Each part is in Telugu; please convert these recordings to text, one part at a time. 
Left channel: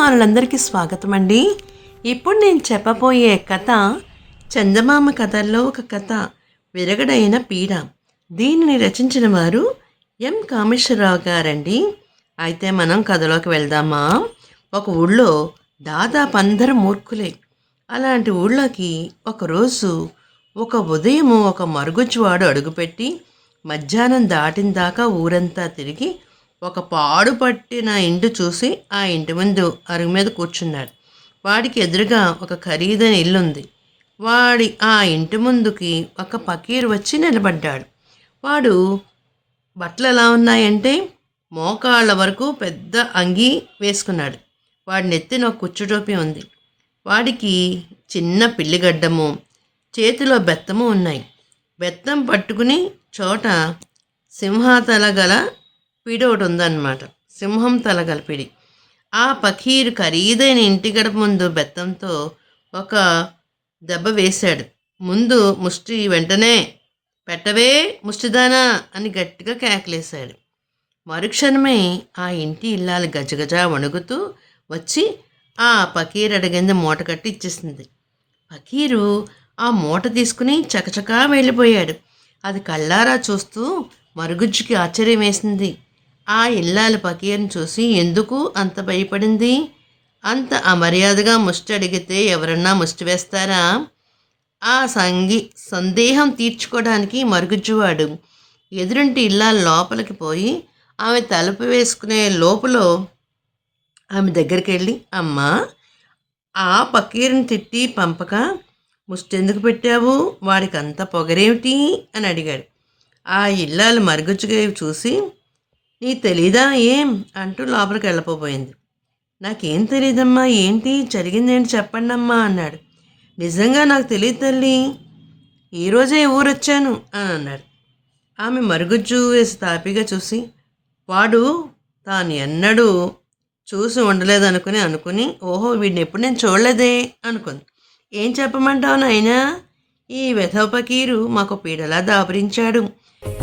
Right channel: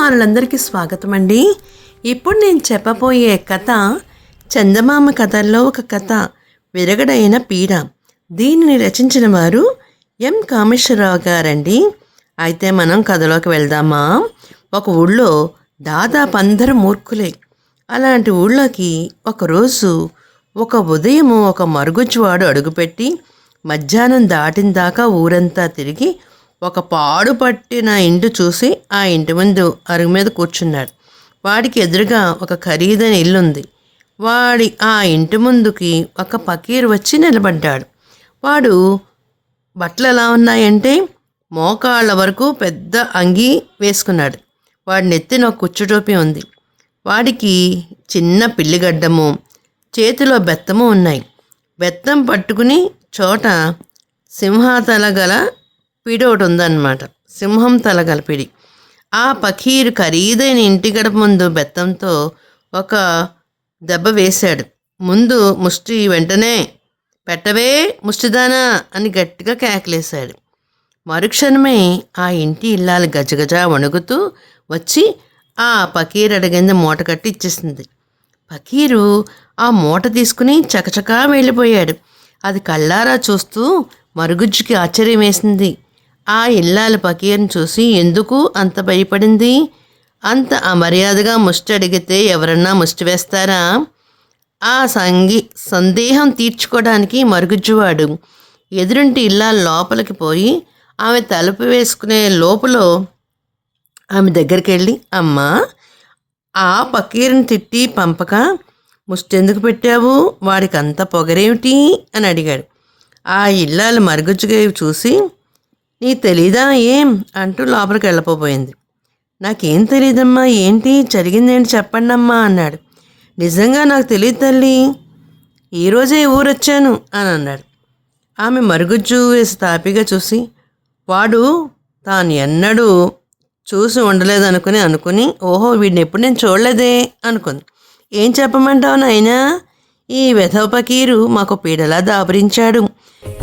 అభిమానులందరికీ స్వాగతం అండి ఇప్పుడు నేను చెప్పబోయే కథ చందమామ కథల్లో ఒక కథ విరగడైన పీడ. దీనిని రచించిన వారు ఎం. కామేశ్వరరావు గారండి. అయితే మనం కథలోకి వెళ్దామా? ఒక ఊళ్ళో దాదాపు అందరూ మూర్ఖులే. అలాంటి ఊళ్ళోకి ఒకరోజు ఒక ఉదయము ఒక మరుగుజ్జువాడు అడుగుపెట్టి మధ్యాహ్నం దాటిన దాకా ఊరంతా తిరిగి ఒక పాడు పట్టిన ఇంటి చూసి ఆ ఇంటి ముందు అరుగు మీద కూర్చున్నాడు. వాడికి ఎదురుగా ఒక ఖరీదైన ఇల్లు ఉంది వాడి ఆ ఇంటి ముందుకి ఒక పకీర్ వచ్చి నిలబడ్డాడు. వాడు బట్టలు ఎలా ఉన్నాయంటే? మోకాళ్ళ వరకు పెద్ద అంగీ వేసుకున్నాడు. వాడి నెత్తిన ఒక కుచ్చుటోపి ఉంది. వాడికి చిన్న పిల్లిగడ్డము చేతిలో బెత్తము ఉన్నాయి. బెత్తం పట్టుకుని చోట సింహాతల గల పిడి ఒకటి ఉందన్నమాట. సింహం తల గల పిడి ఆ పకీరు ఖరీదైన ఇంటి గడప ముందు బెత్తంతో ఒక దెబ్బ వేశాడు. ముందు ముష్టి వెంటనే పెట్టవే ముష్టిదానా అని గట్టిగా కేకలేశాడు. మరుక్షణమే ఆ ఇంటి ఇల్లాలు గజగజ వణుకుతూ వచ్చి ఆ పకీరు అడిగింది మూట కట్టి ఇచ్చేసింది. పకీరు ఆ మూట తీసుకుని చకచకా వెళ్ళిపోయాడు. అది కళ్ళారా చూస్తూ మరుగుజ్జుకి ఆశ్చర్యం వేసింది. ఆ ఇల్లాల పకీర్ని చూసి ఎందుకు అంత భయపడింది? అంత అమర్యాదగా ముష్టి అడిగితే ఎవరన్నా ముష్టి వేస్తారా? ఆ సంగి సందేహం తీర్చుకోవడానికి మరుగుజ్జువాడు. ఎదురింటి ఇల్లాల లోపలికి పోయి ఆమె తలుపు వేసుకునే లోపల ఆమె దగ్గరికి వెళ్ళి అమ్మా ఆ పకీర్ని తిట్టి పంపక ముష్టెందుకు పెట్టావు? వాడికి అంత పొగరేమిటి? అని అడిగాడు. ఆ ఇల్లాలు మరుగుజ్జుగా చూసి నీ తెలీదా ఏం? అంటూ లోపలికి వెళ్ళిపోయింది నాకేం తెలియదమ్మా ఏంటి? జరిగిందేంటి చెప్పండి అమ్మా అన్నాడు. నిజంగా నాకు తెలియదు తల్లి. ఈరోజే ఊరొచ్చాను అని అన్నాడు. ఆమె మరుగుజ్జు వేసి తాపిగా చూసి వాడు తాను ఎన్నడూ చూసి ఉండలేదనుకుని అనుకుని ఓహో వీడిని ఎప్పుడు నేను చూడలేదే అనుకుంది. ఏం చెప్పమంటావు నాయనా? ఈ వెధవ పకీరు మాకు పీడలా దాబరించాడు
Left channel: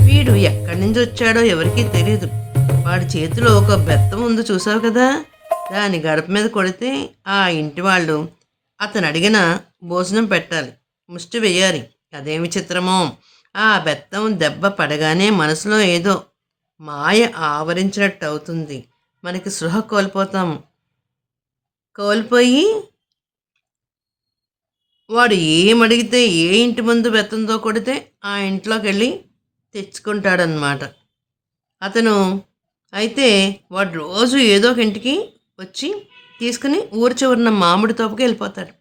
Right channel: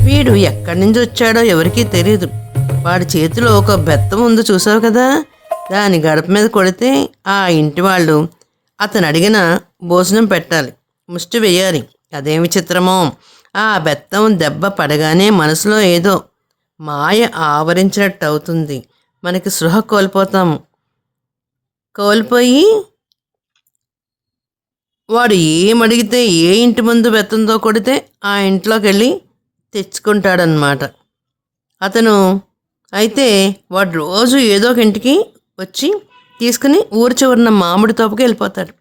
వీడు ఎక్కడి నుంచి వచ్చాడో ఎవరికీ తెలియదు వాడి చేతిలో ఒక బెత్తం ఉంది చూసావు కదా? దాని గడప మీద కొడితే ఆ ఇంటి వాళ్ళు అతను అడిగిన భోజనం పెట్టాలి ముష్టి వేయాలి. అదేం విచిత్రమో. ఆ బెత్తం దెబ్బ పడగానే మనసులో ఏదో మాయ ఆవరించినట్టు అవుతుంది. మనకి సృహ కోల్పోతాము. కోల్పోయి వాడు ఏమడిగితే ఏ ఇంటి ముందు బెత్తంతో కొడితే ఆ ఇంట్లోకి వెళ్ళి తెచ్చుకుంటాడనమాట అతను అయితే వాడు రోజు ఏదో ఒక ఇంటికి వచ్చి తీసుకుని ఊరి చివరిన మామిడి తోపుకి వెళ్ళిపోతాడు.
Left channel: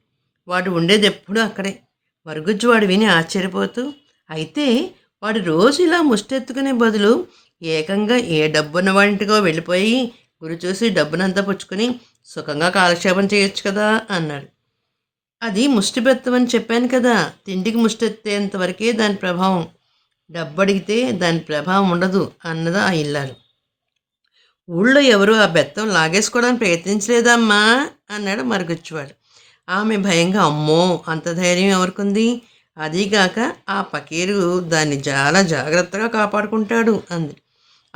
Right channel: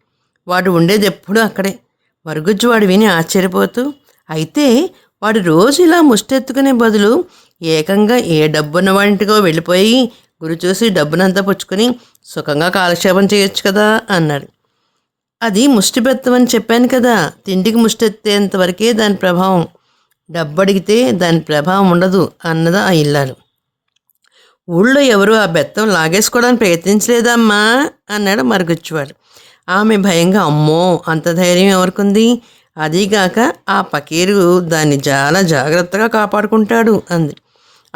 వాడు ఉండేది ఎప్పుడూ అక్కడే. మరుగుజ్జు వాడు విని ఆశ్చర్యపోతూ అయితే వాడు రోజు ఇలా ముష్టెత్తుకునే బదులు ఏకంగా ఏ డబ్బున్న వాడింటికో వెళ్ళిపోయి గురి చూసి డబ్బునంతా పుచ్చుకొని సుఖంగా కాలక్షేపం చేయొచ్చు కదా అన్నాడు. అది ముష్టి బెత్తమని చెప్పాను కదా. తిండికి ముష్టెత్తేంతవరకే దాని ప్రభావం. డబ్బు అడిగితే దాని ప్రభావం ఉండదు అన్నదా ఆ ఇల్లాలు. ఊళ్ళో ఎవరు ఆ బెత్తం లాగేసుకోవడానికి ప్రయత్నించలేదమ్మా అన్నాడు మరుగుచ్చువాడు. ఆమె భయంగా అమ్మో అంత ధైర్యం ఎవరికుంది? అదీగాక ఆ పకీరు దాన్ని చాలా జాగ్రత్తగా కాపాడుకుంటాడు అంది.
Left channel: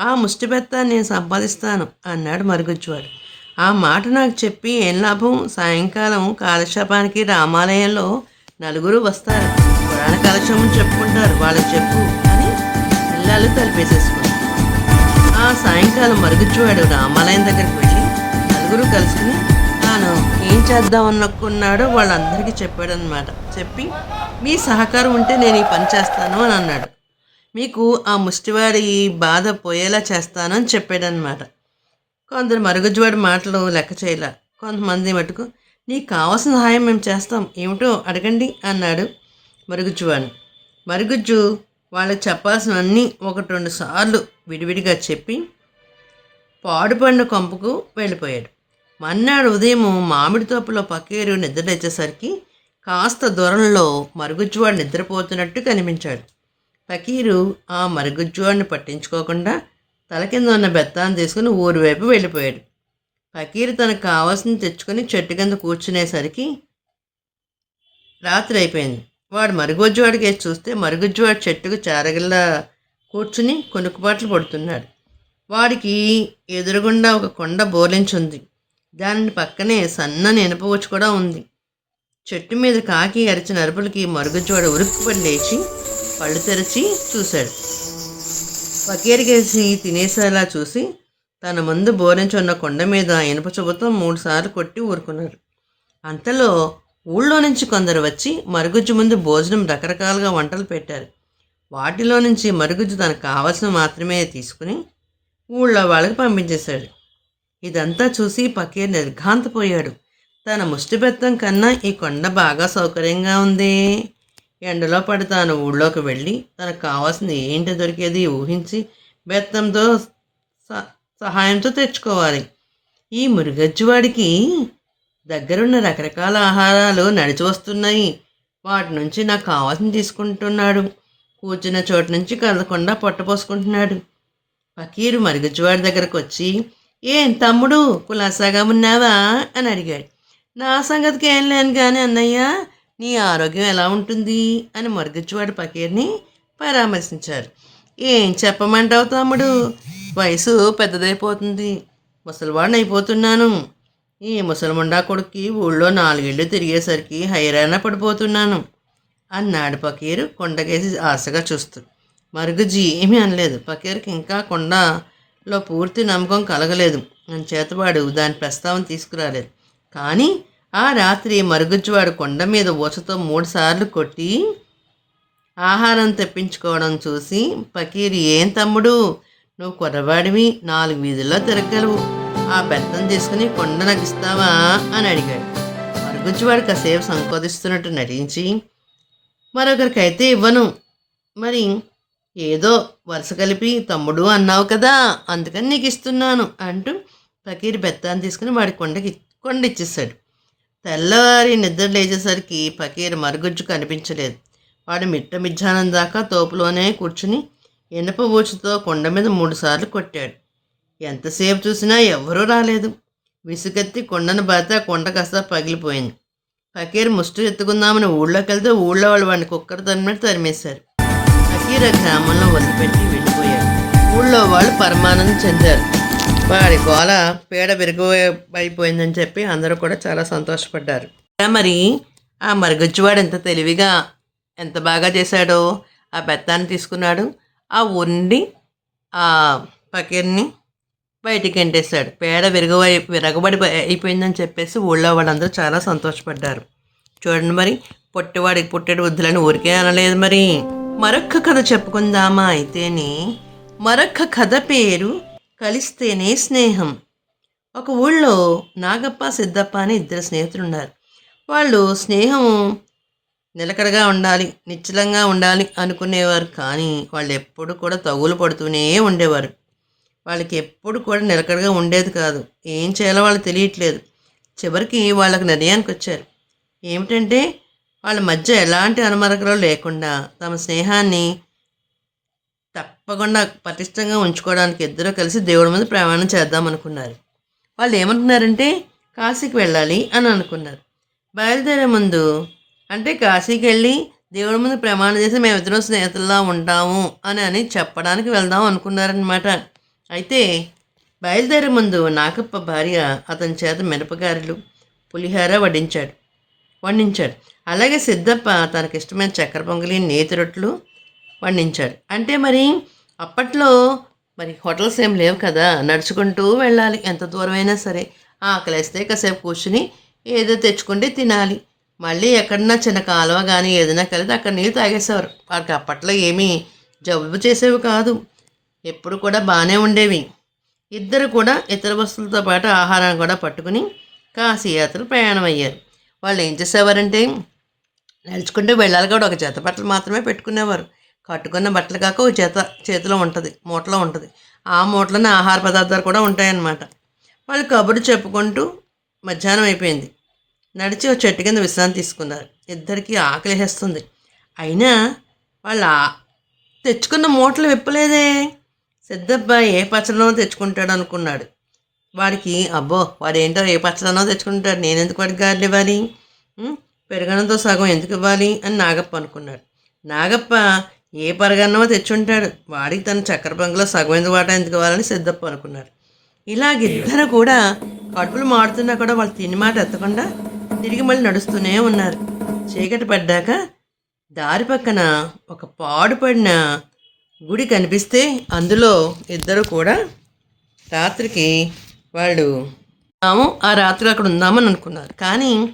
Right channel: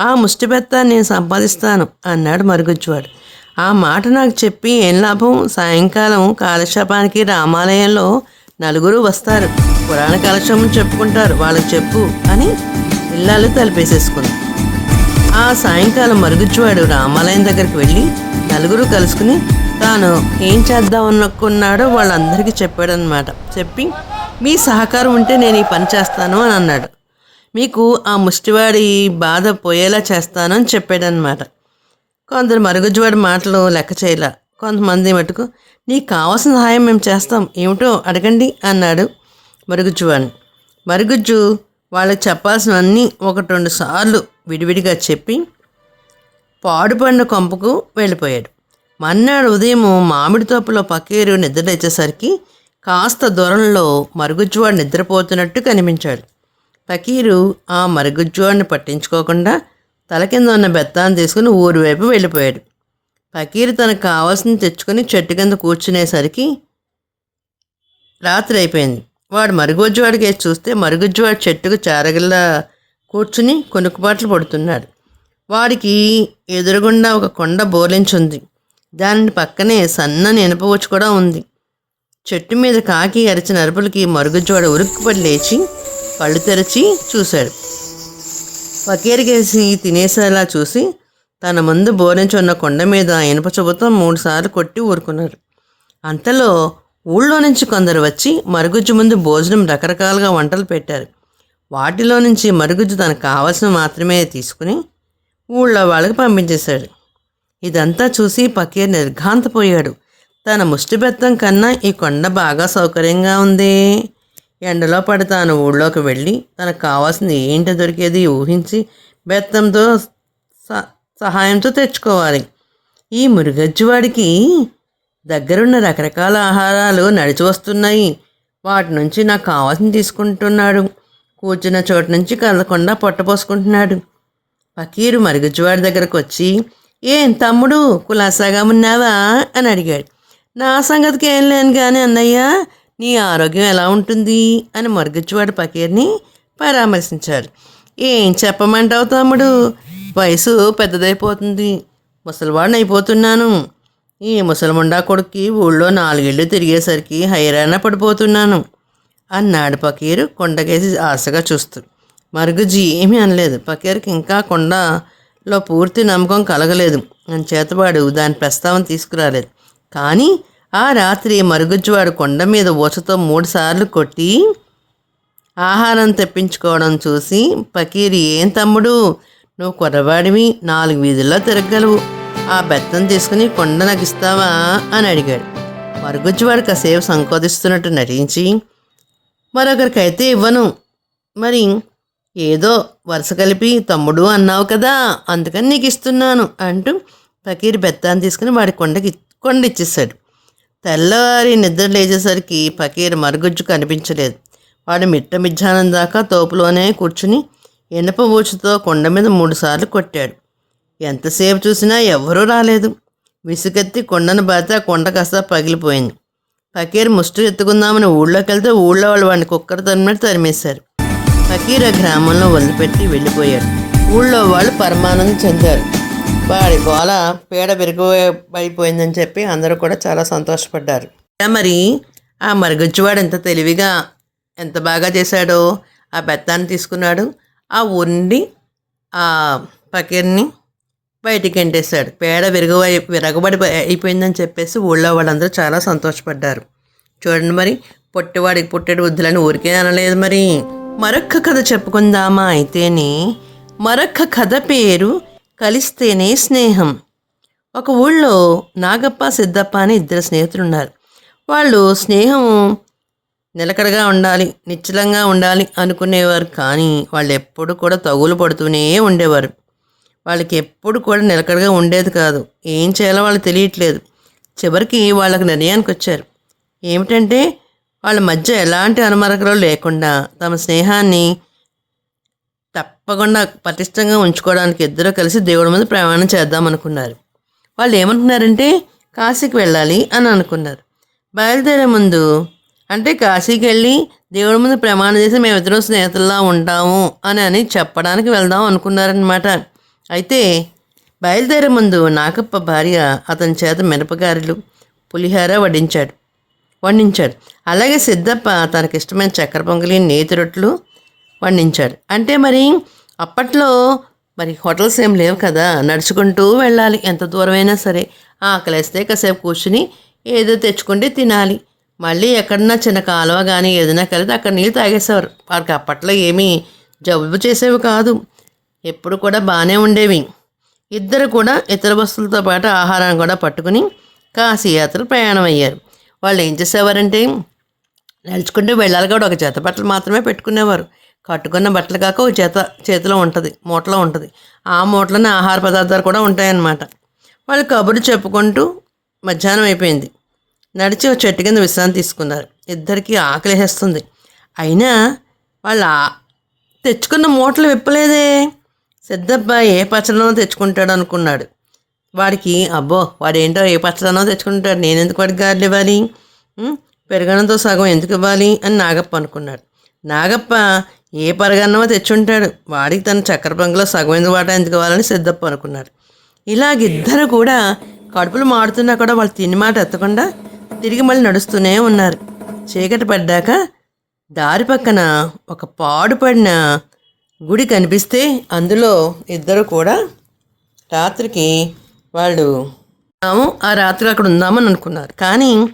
ఆ ముష్టి బెత్తాన్ని నేను సంపాదిస్తాను అన్నాడు మరుగుచ్చువాడు. ఆ మాట నాకు చెప్పి ఏం లాభం? సాయంకాలం కాలక్షేపానికి రామాలయంలో నలుగురు వస్తారు. పురాణ కాలక్షేపం చెప్పుకుంటారు. వాళ్ళకి చెప్పు అని ఇల్లాలు తలిపేసేసుకుంది. సాయంకాలం మరుగుజ్జువాడు రామాలయం దగ్గరికి వెళ్ళి నలుగురు కలుసుకుని తాను ఏం చేద్దాం అనుకున్నాడో వాళ్ళందరికీ చెప్పాడనమాట చెప్పి మీ సహకారం ఉంటే నేను ఈ పని చేస్తాను అని అన్నాడు. మీకు ఆ ముష్టివాడి బాధ పోయేలా చేస్తాను అని చెప్పాడనమాట కొందరు మరుగుజ్జువాడి మాటలు లెక్క చేయలే. కొంతమంది మటుకు నీకు కావాల్సిన సహాయం మేము చేస్తాం ఏమిటో అడగండి అన్నాడు మరుగుజ్జువాడిని మరుగుజ్జు వాళ్ళకి చెప్పాల్సినవన్నీ ఒకటి రెండు సార్లు విడివిడిగా చెప్పి పాడుపడిన కొంపకు వెళ్ళిపోయాడు. మన్నాడు ఉదయం మామిడి తోపులో పక్కేరు నిద్రలేచేసరికి కాస్త దూరంలో మరుగుజ్జువాడు నిద్రపోతున్నట్టు కనిపించాడు. పకీరు ఆ మరుగుజ్జువాడిని పట్టించుకోకుండా తల కింద ఉన్న బెత్తాన్ని తీసుకుని ఊరు వైపు వెళ్ళిపోయాడు. పకీరు తనకు కావాల్సింది తెచ్చుకొని చెట్టు కింద కూర్చునేసరికి రాత్రి అయిపోయింది. వాడు మరుగుజ్జువాడికి వేసి చూస్తే మరుగుజ్జువాడు చెట్టుకు చారగల్లా కూర్చుని కొనుక్కుబాట్లు పడుతున్నారు. వాడికి ఎదురుగుండా ఒక కొండ బోలించుంది. దాని పక్కనే సన్నని ఇనుపవచ్చు కూడా ఉంది. చెట్టు మీద కాకి అరిచిన అరుపులకి మరుగుజ్జోడ ఉరుక్కుపడి లేచి కళ్ళు తెరిచి చూశాడు. పకేరికేసి తినేసేలా చూసి తన ముందు బోరించున్న కొండ మీద ఇనుప చెబుతో మూడుసార్లు కొట్టి ఊరుకున్నారు. అంతలో ఊళ్ళో నుంచి కొందరు వచ్చి మరుగుజ్జు ముందు భోజనం రకరకాలుగా వంటలు పెట్టారు. వాటిలో నుంచి మరుగుజ్జు తనకు కావలసిన మాత్రమే తీసుకుని ఊళ్ళో వాళ్ళకి పంపించేశాడు. ఇదంతా చూసి పకీర్ నిర్ఘాంతపోయాడు. తన ముష్టి బెత్తం కన్నా ఈ కొండ బాగా సౌకర్యంగా ఉంది. ఎండలో పడి తాను ఊళ్ళోకి వెళ్ళి తనకు కావాల్సింది ఏంటి దొరికేది ఊహించి బెత్తంతో స- సహాయంతో తెచ్చుకోవాలి. ఈ మురుగజ్జువాడికి దగ్గరున్న రకరకాల ఆహారాలు నడిచి వస్తున్నాయి. వాటి నుంచి నాకు కావాల్సింది తీసుకుంటున్నాడు. కూర్చున్న చోటు నుంచి కదలకుండా పొట్టపోసుకుంటున్నాడు ఫకీరు మరుగుజ్జువాడి దగ్గరకు వచ్చి ఏం తమ్ముడు కులాసాగా ఉన్నావా? అని అడిగాడు. నా సంగతికి ఏం లేను కానీ అన్నయ్య నీ ఆరోగ్యం ఎలా ఉంటుంది? అని మరుగుజ్జువాడు ఫకీర్ని పరామర్శించారు ఏం చెప్పమంటావు తమ్ముడు? వయసు పెద్దదైపోతుంది. ముసలివాడిని అయిపోతున్నాను. ఈ ముసలిముండా కొడుక్కి ఊళ్ళో నాలుగేళ్ళు తిరిగేసరికి హైరాణ పడిపోతున్నాను. అన్నాడు పకీరు కొండకేసి ఆశగా చూస్తూ. మరుగుజ్జి ఏమీ అనలేదు. పకీర్కి ఇంకా కొండలో పూర్తి నమ్మకం కలగలేదు. చేతవాడు దాని ప్రస్తావన తీసుకురాలేదు. కానీ ఆ రాత్రి మరుగుజ్జువాడు కొండ మీద ఊచతో మూడుసార్లు కొట్టి ఆహారం తెప్పించుకోవడం చూసి పకీరి ఏం తమ్ముడు? నువ్వు కుర్రవాడివి నాలుగు వీధుల్లో తిరగలవు ఆ బెత్తం తీసుకుని కొండ నగిస్తావా? అని అడిగాడు. మరుగుజ్జువాడు కాసేపు సంకోదిస్తున్నట్టు నటించి మరొకరికైతే ఇవ్వను. మరి ఏదో వరుస కలిపి తమ్ముడు అన్నావు కదా అందుకని నీకు ఇస్తున్నాను అంటూ ఫకీర్ బెత్తాన్ని తీసుకుని వాడి కొండకి కొండ ఇచ్చేసాడు తెల్లవారి నిద్ర లేచేసరికి ఫకీర్ మరుగుజ్జు కనిపించలేదు. వాడు మిట్ట మిజ్జానం దాకా తోపులోనే కూర్చుని ఇనప ఊచుతో కొండ మీద మూడుసార్లు కొట్టాడు. ఎంతసేపు చూసినా ఎవ్వరూ రాలేదు. విసుగెత్తి కొండను బాత కొండ కాస్త పగిలిపోయింది. ఫకీర్ ముష్టి ఎత్తుకుందామని ఊళ్ళోకి వెళ్తే ఊళ్ళో వాళ్ళు వాడిని కుక్కర్ తరిమినట్టు తరిమేశారు. ఫకీర్ ఆ గ్రామంలో వదిలిపెట్టి వెళ్ళిపోయాడు. ఊళ్ళో వాళ్ళు పరమానందం చెందారు. వాడి గోల పేడ విరగబడిపోయిందని చెప్పి అందరూ కూడా చాలా సంతోషపడ్డారు. మరి ఆ మరుగుజ్జువాడు ఎంత తెలివిగా ఎంత బాగా చేశాడో? ఆ బెత్తాన్ని తీసుకున్నాడు. ఆ ఉండి ఆ పకీర్ని బయటికి ఎంటేశాడు. పేడ విరగబడి విరగబడి అయిపోయిందని చెప్పేసి ఊళ్ళో వాళ్ళందరూ చాలా సంతోషపడ్డారు. చూడండి మరి పొట్టివాడికి పుట్టేడు వద్దులని ఊరికే అనలేదు మరి. మరొక్క కథ చెప్పుకుందామా అయితేనే మరొక్క కథ పేరు కలిస్తేనే స్నేహం. ఒక ఊళ్ళో నాగప్ప సిద్ధప్ప అని ఇద్దరు స్నేహితులు ఉన్నారు వాళ్ళు స్నేహం నిలకడగా ఉండాలి నిశ్చలంగా ఉండాలి అనుకునేవారు కానీ వాళ్ళు ఎప్పుడు కూడా తగులు పడుతూనే ఉండేవారు. వాళ్ళకి ఎప్పుడు కూడా నిలకడగా ఉండేది కాదు. ఏం చేయాలో వాళ్ళు తెలియట్లేదు. చివరికి వాళ్ళకు నిర్ణయానికి వచ్చారు. ఏమిటంటే వాళ్ళ మధ్య ఎలాంటి అనుమరకలు లేకుండా తమ స్నేహాన్ని తప్పకుండా పటిష్టంగా ఉంచుకోవడానికి ఇద్దరు కలిసి దేవుడి మీద ప్రయాణం చేద్దాం అనుకున్నారు. వాళ్ళు ఏమనుకున్నారంటే కాశీకి వెళ్ళాలి అని అనుకున్నారు. బయలుదేరే ముందు అంటే కాశీకి వెళ్ళి దేవుడి ముందు ప్రమాణం చేసి మేమిద్దరం స్నేహితుల్లా ఉంటాము అని అని చెప్పడానికి వెళ్దాం అనుకున్నారనమాట అయితే బయలుదేరే ముందు నాగప్ప భార్య అతని చేత మిరపగారెలు పులిహార వడ్డించాడు. వండించాడు. అలాగే సిద్ధప్ప తనకిష్టమైన చక్కెర పొంగలి నేతి రొట్టెలు వండించాడు. అంటే మరి అప్పట్లో మరి హోటల్స్ ఏం లేవు కదా నడుచుకుంటూ వెళ్ళాలి. ఎంత దూరమైనా సరే ఆకలిస్తే కాసేపు కూర్చుని ఏదో తెచ్చుకుంటే తినాలి. మళ్ళీ ఎక్కడన్నా చిన్న కాలువ కానీ ఏదైనా కలిపి అక్కడ నీళ్ళు తాగేసేవారు. వారికి అప్పట్లో ఏమీ జబ్బు చేసేవి కాదు. ఎప్పుడు కూడా బాగానే ఉండేవి. ఇద్దరు కూడా ఇతర వస్తువులతో పాటు ఆహారాన్ని కూడా పట్టుకుని కాశీ యాత్ర ప్రయాణం అయ్యారు. వాళ్ళు ఏం చేసేవారంటే నడుచుకుంటూ వెళ్ళాలి కూడా ఒక జత బట్టలు మాత్రమే పెట్టుకునేవారు. కట్టుకున్న బట్టలు కాక ఒక జత చేతిలో ఉంటుంది మూటలో ఉంటుంది. ఆ మూటలోనే ఆహార పదార్థాలు కూడా ఉంటాయన్నమాట. వాళ్ళు కబురు చెప్పుకుంటూ మధ్యాహ్నం అయిపోయింది. నడిచి ఒక చెట్టు కింద విశ్రాంతి తీసుకున్నారు. ఇద్దరికి ఆకలి వేస్తుంది అయినా వాళ్ళ తెచ్చుకున్న మూటలు విప్పలేదే. సిద్ధప్ప ఏ పచ్చడనో తెచ్చుకుంటాడు అనుకున్నాడు. వాడికి అబ్బో వాడేంటో ఏ పచ్చడనో తెచ్చుకుంటాడు. నేను ఎందుకు వాడికి గారెలు ఇవ్వాలి? పెరగడంతో సగం ఎందుకు ఇవ్వాలి? అని నాగప్ప అనుకున్నాడు. నాగప్ప ఏ పరగన్నమో తెచ్చుంటాడు. వాడికి తన చక్కెర పొంగలో సగం ఎందుకు వాటా ఎందుకు ఇవ్వాలని సిద్ధప్ప అనుకున్నాడు. ఇలాగిద్దరు కూడా కడుపులు మాడుతున్నా కూడా వాళ్ళు తిని మాట ఎత్తకుండా తిరిగి మళ్ళీ నడుస్తూనే ఉన్నారు. చీకటి పడ్డాక దారి పక్కన ఒక పాడుపడిన గుడి కనిపిస్తే అందులో ఇద్దరు కూడా రాత్రికి వాళ్ళు తాము ఆ రాత్రి అక్కడ ఉందామని అనుకున్నారు. కానీ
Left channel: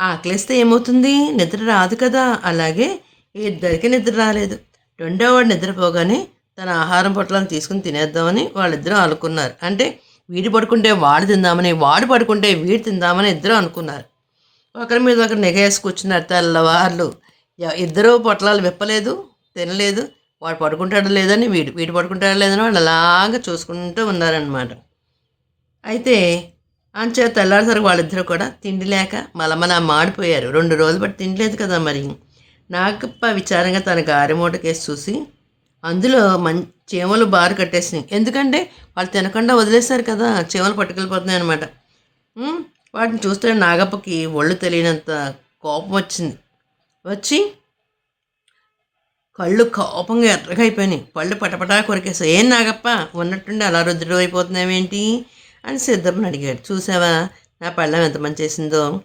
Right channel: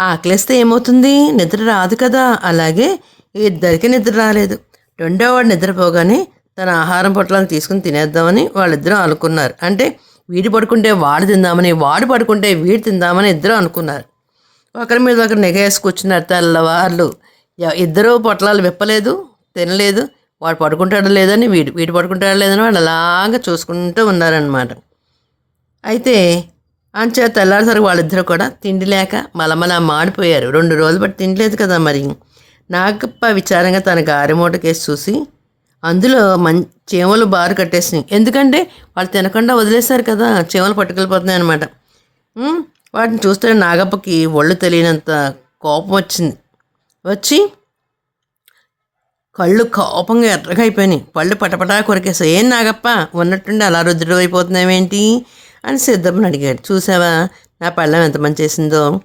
ఆకలిస్తే ఏమవుతుంది? నిద్ర రాదు కదా. అలాగే ఇద్దరికి నిద్ర రాలేదు. రెండో వాడు నిద్రపోగానే తన ఆహారం పొట్లాలు తీసుకుని తినేద్దామని వాళ్ళిద్దరూ అనుకున్నారు. అంటే వీడు పడుకుంటే వాడు తిందామని వాడు పడుకుంటే వీడు తిందామని ఇద్దరు అనుకున్నారు. ఒకరి మీద ఒకరు నెగేసి కూర్చున్నారు తెల్లవార్లు. ఇద్దరూ ఇద్దరు పొట్లాలు విప్పలేదు తినలేదు. వాడు పడుకుంటాడో లేదని వీడు వీడు పడుకుంటాడో లేదని వాళ్ళు అలాగా చూసుకుంటూ ఉన్నారనమాట అయితే అంచేత తెల్లారిసరికి వాళ్ళిద్దరూ కూడా తిండి లేక మలమల మాడిపోయారు. రెండు రోజులు బట్టి తినలేదు కదా మరి. నాగప్ప విచారంగా తన గారెమూటకేసి చూసి అందులో మం చీమలు బారు కట్టేసినాయి. ఎందుకంటే వాళ్ళు తినకుండా వదిలేశారు కదా చీమలు పట్టుకెళ్ళిపోతున్నాయి అనమాట వాటిని చూస్తే నాగప్పకి ఒళ్ళు తెలియనంత కోపం వచ్చింది. వచ్చి కళ్ళు కోపంగా ఎర్రగా అయిపోయినాయి. పళ్ళు పటపటా కొరికేసాయి ఏం నాగప్ప ఉన్నట్టుండి అలా రుద్రుడు అయిపోతున్నావేంటి? అని సిద్ధమ్మని అడిగాడు. చూసావా నా పళ్ళం ఎంత మంచి చేసిందో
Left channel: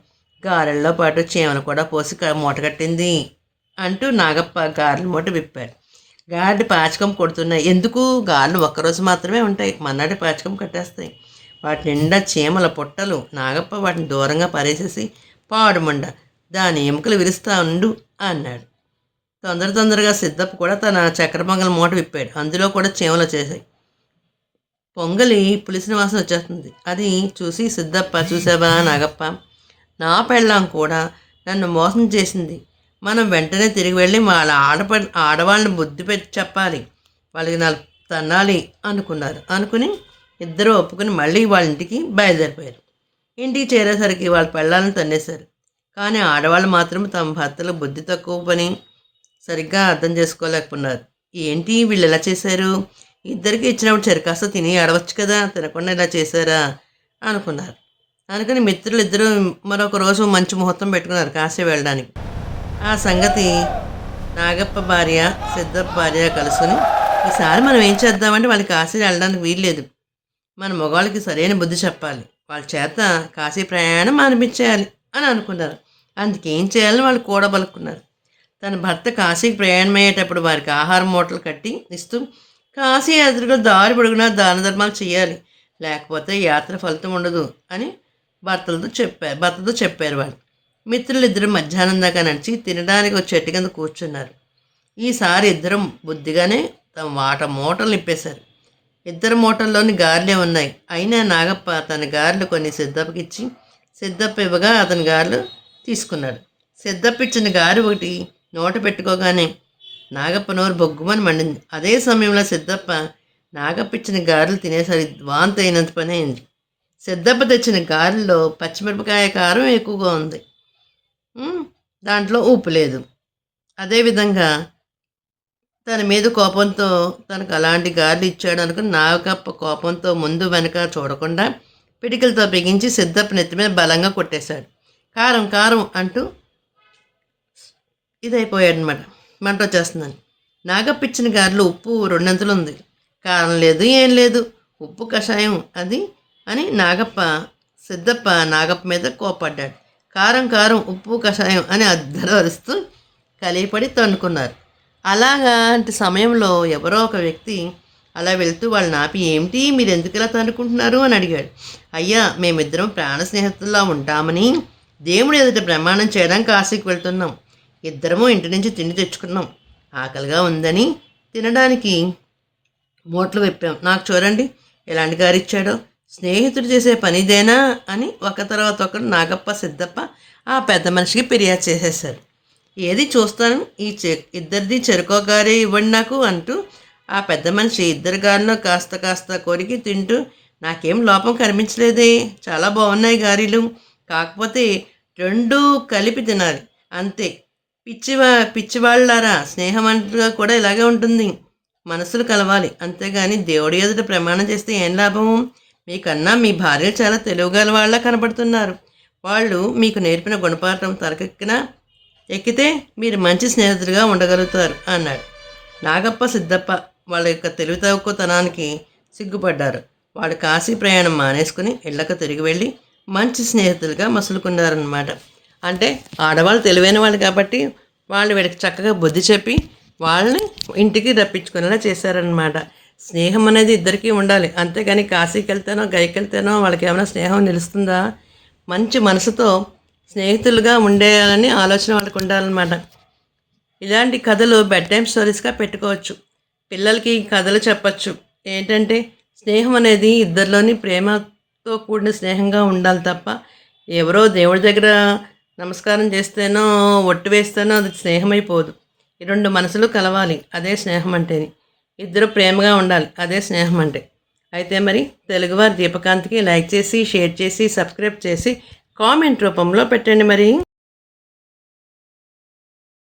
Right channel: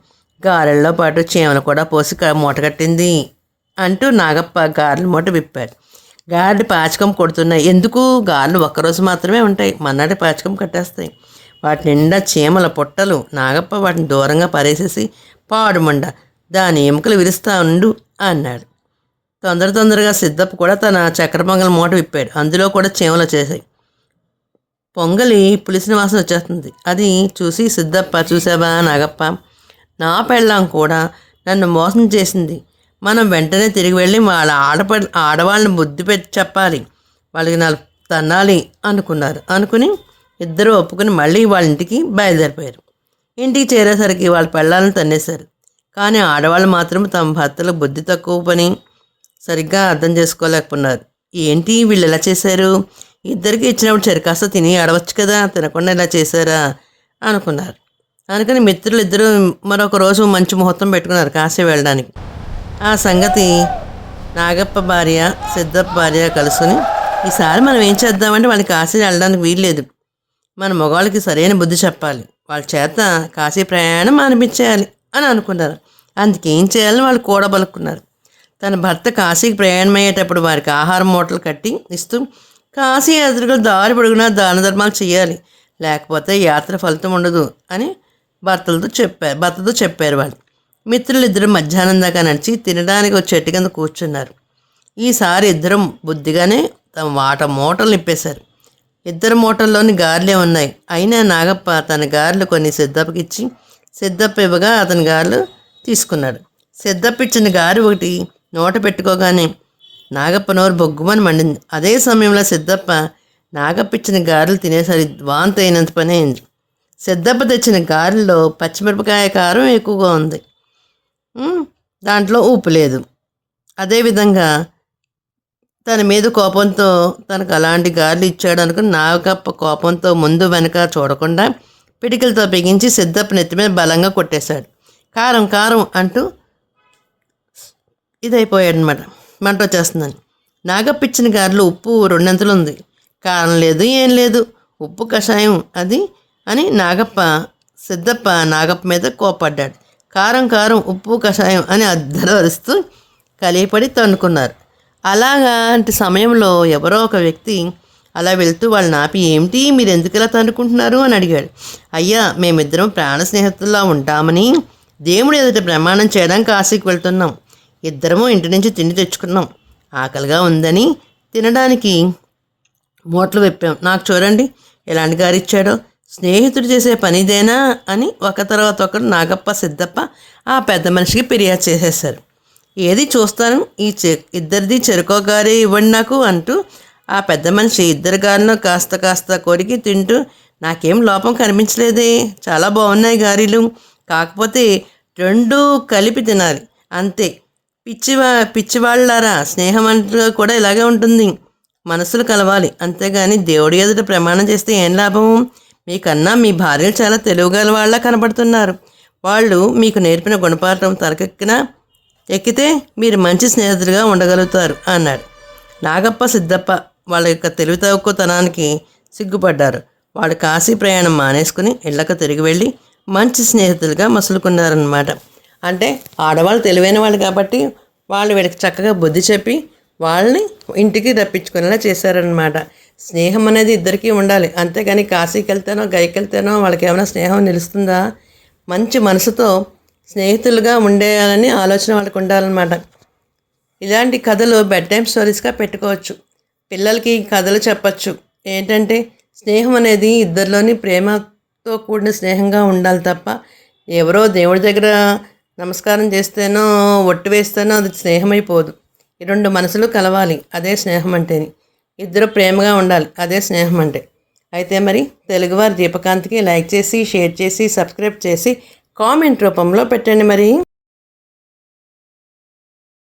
గారెల్లో పాటు చీమలు కూడా పోసి మూట కట్టింది అంటూ నాగప్ప గారెల మూట విప్పాడు. గారెలు పాచకం కొడుతున్నాయి. ఎందుకు? గారెలు ఒక్కరోజు మాత్రమే ఉంటాయి. మన్నాటి పాచకం కట్టేస్తాయి. వాటి నిండా చీమల పొట్టలు. నాగప్ప వాటిని దూరంగా పారేసేసి పాడుమండ దాని ఎముకలు విరుస్తా ఉండు అన్నాడు. తొందర తొందరగా సిద్ధప్ప కూడా తన చక్కెర పొంగల్ మూట విప్పాడు. అందులో కూడా చీమలు వచ్చేసాయి. పొంగలి పులిసిన వాసన వచ్చేస్తుంది. అది చూసి సిద్ధప్ప చూసావా నాగప్ప? నా పెళ్ళాం కూడా నన్ను మోసం చేసింది. మనం వెంటనే తిరిగి వెళ్ళి వాళ్ళ ఆడప ఆడవాళ్ళని బుద్ధి పెట్టి చెప్పాలి. వాళ్ళకి నాలుగు తన్నాలి అనుకున్నారు. అనుకుని ఇద్దరు ఒప్పుకుని మళ్ళీ వాళ్ళ ఇంటికి బయలుదేరిపోయారు. ఇంటికి చేరేసరికి వాళ్ళ పెళ్ళాలను తన్నేశారు. కానీ ఆడవాళ్ళు మాత్రం తమ భర్తలకు బుద్ధి తక్కువ పని సరిగ్గా అర్థం చేసుకోలేకపోతున్నారు ఏంటి వీళ్ళు ఎలా చేశారు? ఇద్దరికి ఇచ్చినప్పుడు చెరకాస్త తిని అడవచ్చు కదా తినకుండా ఇలా చేశారా? అనుకున్నారు. అందుకని మిత్రులు ఇద్దరు మరొక రోజు మంచి ముహూర్తం పెట్టుకున్నారు కాశీ వెళ్ళడానికి. ఆ సంగతి నాగప్ప భార్య సిద్ధప్ప భార్య కలుసుని ఈసారి మనం ఏం చేద్దామంటే వాళ్ళకి కాశీ వెళ్ళడానికి వీల్లేదు. మన మగవాళ్ళకి సరైన బుద్ధి చెప్పాలి. వాళ్ళ చేత కాశీ ప్రయాణం అనిపించేయాలి అని అనుకున్నారు. అందుకేం చేయాలని వాళ్ళు కూడబలుక్కున్నారు తన భర్త కాశీకి ప్రయాణమయ్యేటప్పుడు వారికి ఆహారం మూటలు కట్టి ఇస్తూ కాశీ యాత్రికులు దారి పొడుగునా దాన ధర్మాలు చేయాలి. లేకపోతే యాత్ర ఫలితం ఉండదు అని భర్తలతో చెప్పారు భర్తతో చెప్పారు వాళ్ళు. మిత్రులు ఇద్దరు మధ్యాహ్నం దాకా నడిచి తినడానికి ఒక చెట్టు కింద కూర్చున్నారు. ఈసారి ఇద్దరం బుద్ధిగానే తమ వాట మూటలు నింపేశారు ఇద్దరు మూటల్లోని గారెలే ఉన్నాయి. అయినా నాగప్ప తన గారెలు కొన్ని సిద్ధప్పకి ఇచ్చి సిద్ధప్ప ఇవ్వగా అతని గారెలు తీసుకున్నాడు. సిద్ధప్ప ఇచ్చిన గారు ఒకటి నోట పెట్టుకోగానే నాగప్ప నోరు బొగ్గుమని మండింది. అదే సమయంలో సిద్ధప్ప నాగప్ప ఇచ్చిన గారెలు తినేసరి వాంత అయినంత పని అయింది. సిద్ధప్ప తెచ్చిన గారెల్లో పచ్చిమిరపకాయ కారం ఎక్కువగా ఉంది. దాంట్లో ఉప్పు లేదు. అదేవిధంగా తన మీద కోపంతో తనకు అలాంటి గారెలు ఇచ్చాడు అనుకుని నాగప్ప కోపంతో ముందు వెనక చూడకుండా పిడికిలతో బిగించి సిద్ధప్ప నెత్తి మీద బలంగా కొట్టేశాడు. కారం కారం అంటూ ఇదైపోయాడనమాట. మంట వచ్చేస్తుందని నాగపిచ్చిన ఇచ్చిన ఉప్పు రెండంతలు ఉంది కారం లేదు ఏం లేదు. ఉప్పు కషాయం అది అని నాగప్ప సిద్ధప్ప నాగప్ప మీద కోపడ్డాడు కారం కారం ఉప్పు కషాయం అని అద్దరు అరుస్తూ కలిపడి తన్నుకున్నారు. అలాంటి సమయంలో ఎవరో ఒక వ్యక్తి అలా వెళ్తూ వాళ్ళని ఆపి ఏమిటి? మీరు ఎందుకు ఇలా తన్నుకుంటున్నారు? అని అడిగాడు. అయ్యా మేమిద్దరం ప్రాణ స్నేహితుల్లో ఉంటామని దేవుడు ఎదుట ప్రమాణం చేయడానికి కాశీకి వెళ్తున్నాం. ఇద్దరము ఇంటి నుంచి తిండి తెచ్చుకున్నాం. ఆకలిగా ఉందని తినడానికి మూటలు విప్పాం. నాకు చూడండి ఎలాంటి గారు ఇచ్చాడో. స్నేహితుడు చేసే పనిదేనా అని ఒక తర్వాత ఒకరు నాగప్ప సిద్ధప్ప ఆ పెద్ద మనిషికి ఫిర్యాదు చేసేశారు. ఏది చూస్తాను? ఈ చె ఇద్దరిది చెరుకో గారి ఇవ్వండి నాకు అంటూ ఆ పెద్ద మనిషి ఇద్దరు గారిలో కాస్త కాస్త కొరికి తింటూ నాకేం లోపం కనిపించలేదే. చాలా బాగున్నాయి గారెలు. కాకపోతే రెండు కలిపి తినాలి. అంతే. పిచ్చివా పిచ్చివాళ్ళారా స్నేహం అంటూ కూడా ఇలాగే ఉంటుంది. మనసులు కలవాలి. అంతేగాని దేవుడి ఎదుట ప్రమాణం చేస్తే ఏం లాభము? మీకన్నా మీ భార్యలు చాలా తెలివిగల వాళ్ళ కనబడుతున్నారు. వాళ్ళు మీకు నేర్పిన గుణపాఠం తరకెక్కిన ఎక్కితే మీరు మంచి స్నేహితులుగా ఉండగలుగుతారు అన్నాడు. నాగప్ప సిద్ధప్ప వాళ్ళ యొక్క తెలివి తక్కువతనానికి సిగ్గుపడ్డారు. వాళ్ళు కాశీ ప్రయాణం మానేసుకుని ఇళ్ళకు తిరిగి వెళ్ళి మంచి స్నేహితులుగా మసులుకున్నారనమాట అంటే ఆడవాళ్ళు తెలివైన వాళ్ళు కాబట్టి వాళ్ళు వీళ్ళకి చక్కగా బుద్ధి చెప్పి వాళ్ళని ఇంటికి రప్పించుకునేలా చేశారనమాట స్నేహం అనేది ఇద్దరికీ ఉండాలి. అంతేగాని కాశీకి వెళ్తేనో గైకి వెళ్తేనో వాళ్ళకి ఏమైనా స్నేహం నిలుస్తుందా? మంచి మనసుతో స్నేహితులుగా ఉండేయాలని ఆలోచన వాళ్ళకి ఉండాలన్నమాట. ఇలాంటి కథలు బెడ్ టైం స్టోరీస్గా పెట్టుకోవచ్చు. పిల్లలకి కథలు చెప్పచ్చు. ఏంటంటే స్నేహం అనేది ఇద్దరిలోని ప్రేమతో కూడిన స్నేహంగా ఉండాలి తప్ప ఎవరో దేవుడి దగ్గర నమస్కారం చేస్తేనో ఒట్టు వేస్తేనో అది స్నేహం అయిపోదు ఈ రెండు మనసులు కలవాలి. అదే స్నేహం అంటే ఇద్దరు ప్రేమగా ఉండాలి. అదే స్నేహం అంటే అయితే మరి తెలుగువారి దీపకాంతికి లైక్ చేసి షేర్ చేసి సబ్స్క్రైబ్ చేసి కామెంట్ రూపంలో పెట్టండి మరి.